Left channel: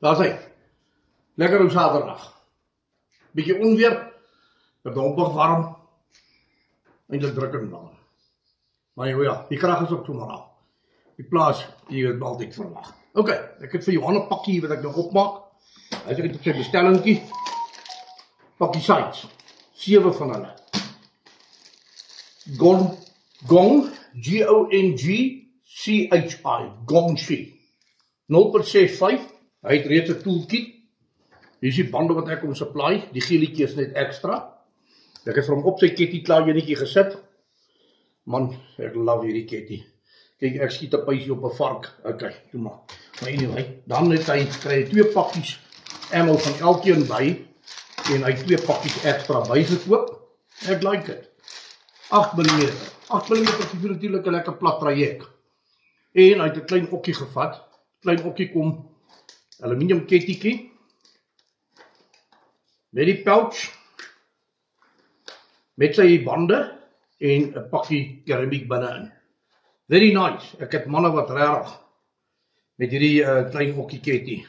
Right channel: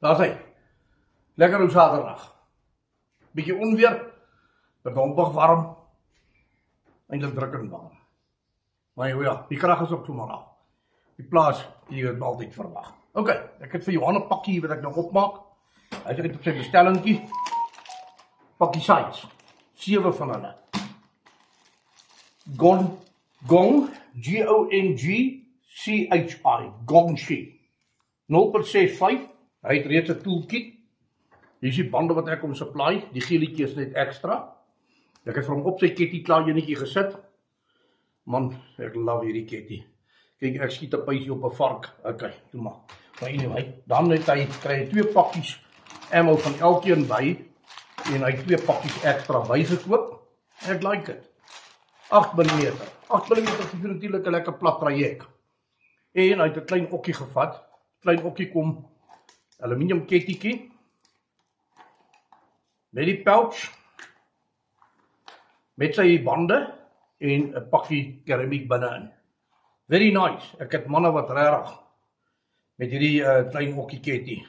Daar is hy. Lekker op Saterdag. Bietjie onweer, bedompig warm, eintlik drukkend warm. Maar ja, die krag is ook sommer af. Die plaas, die het altyd verwag. Ok, ek het vir Johan 'n pakkie wat ek nog opmaak. Hy het op sy bestellingkie. Pakkie sites. 7 van hulle. Gong, G-O-N-G-C-H-I, Gongshi. 0.65, hy het reeds 'n toolkit. Hier is die bande wat ek hom supply, die geelietjie is net ekstra. Ek het vir hom op sy ketty klaar enetjie gesit. Man, ek love hierdie ketty. Kyk, ek skiet 'n pysie op 'n vark. Ok, doe maar. Maar anyway, dan het hy kry 2 pakkies ammo van elkeen by en hy 2 pakkies ekstra by gekoop. Ek like dit. 8 mm. 8 mm is natuurlik 'n lekker plat traject. En hy het 'n klein okkie gevat. Klein okkie kom aluminium kettytjie met die pouch met sy bande en 'n pakkie keramiek binne-in. Very nice. Ek het manne wat regtig met hierdie klein okkie ketty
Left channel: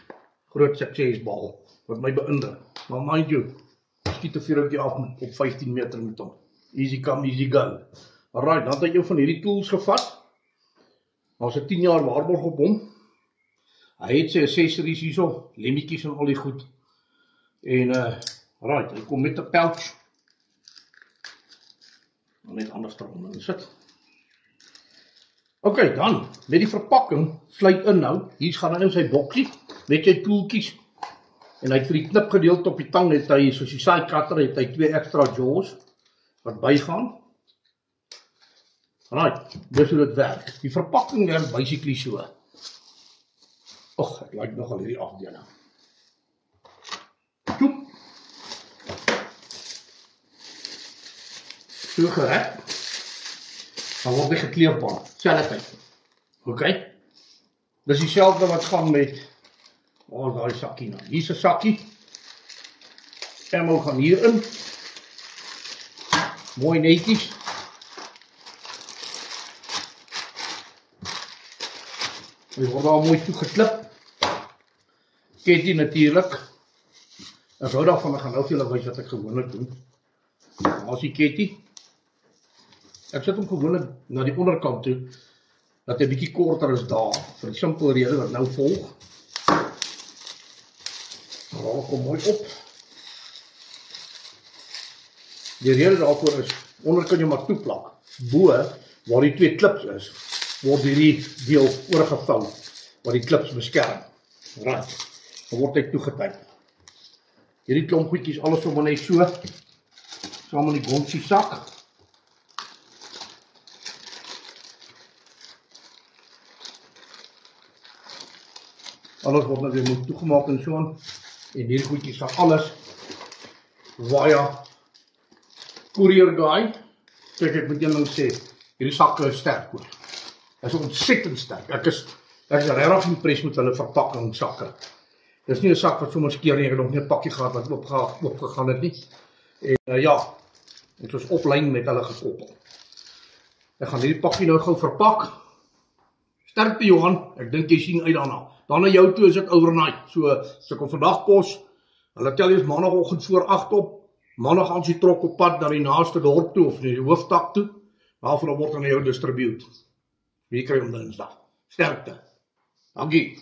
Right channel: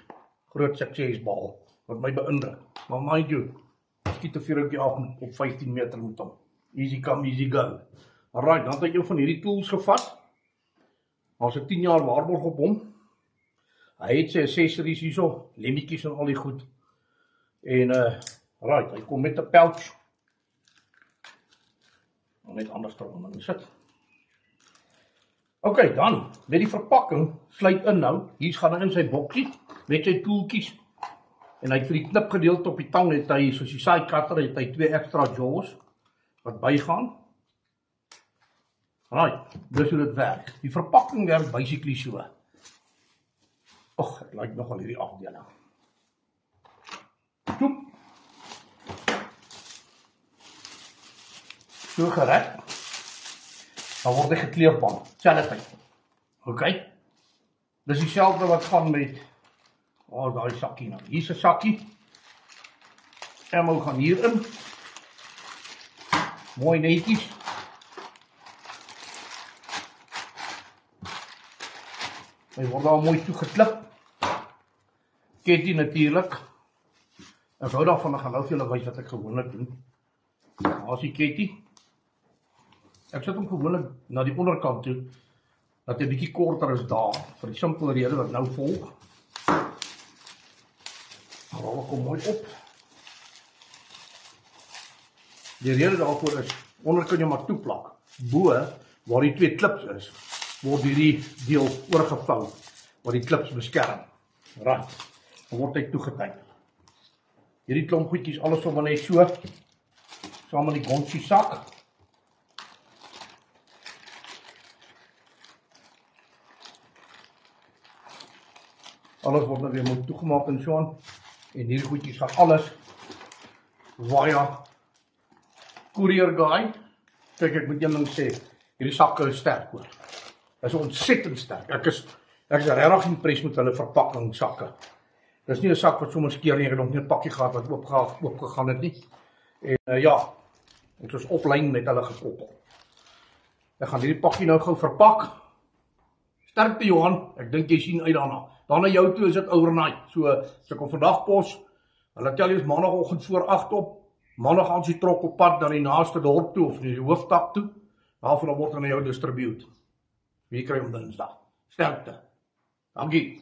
groot suksesbal wat my beïndruk. Maar mind you, skiet 'n vuurtjie af op 15 meter met hom. Easy come, easy go. Alright, dan het hy een van hierdie tools gevat. Daar's 'n 10 jaar waarborg op hom. Hy het sy accessories hierso, lemmetjies en al die goed. En right, hy kom met 'n pouch. Net anders daaronder sit. Ok, dan, met die verpakking, sluit in nou. Hier gaan hy in sy bokkie, met sy toolkies. En hy het vir die knipgedeelte op die tang, het hy, soos die side cutter, het hy 2 extra jaws, wat bygaan. Right, dis hoe dit werk. Die verpakking werk basically so. Och, ek like nogal hierdie afdeling. Toep. So gerek. Dan word hy gekleurpan, selfde tyd. Ok. Dis dieselfde wat gaan met daai sakkie nou. Hier is 'n sakkie. Ammo gaan hierin. Mooi netjies. Hy word nou mooi toegeklip. Ketty natuurlik. Ek hou daarvan, ek gaan nou vir julle wys wat ek gewoonlik doen. Daar is die ketty. Ek sit hom gewoonlik na die onderkant toe, dat hy 'n bietjie korter is daar, vir die simpele rede wat nou volg. Rol kom mooi op. Die rede daarvoor is, onder kan jy maar toeplak. Bo, waar die 2 klips is, word hierdie deel oorgevou, waar die klips beskerm. Right, dan word hy toegetyp. Hierdie klomp goedjies, alles sommer net so, saam in die Gongshi sak. Alles word nou weer moet toegemaak en so aan. En hierdie goedjies gaan alles via courier guy. Kijk, ek moet julle sê, hierdie sakke is sterk hoor. Dit is ontsettend sterk. Ek is regtig impressed met hulle verpakking sakke. Dit is nie 'n sak wat sommer skeer nie, ek het nog nie 'n pakkie gehad wat oopgegaan het nie. En ja, dit was oplyn met hulle gekoppel. Ek gaan hierdie pakkie nou gou verpak. Sterkte Johan, ek dink jy sien uit daarna. Dan na jou toe is dit overnight. So, as ek kom vandag pos, hulle tel jy maandagoggend voor 8 op, maandag aan sy trok op pad na die naaste dorp toe, of na die hooftak toe, daarvan word hy na jou distribute. Wie kry hom Dinsdag? Sterkte. Dankie.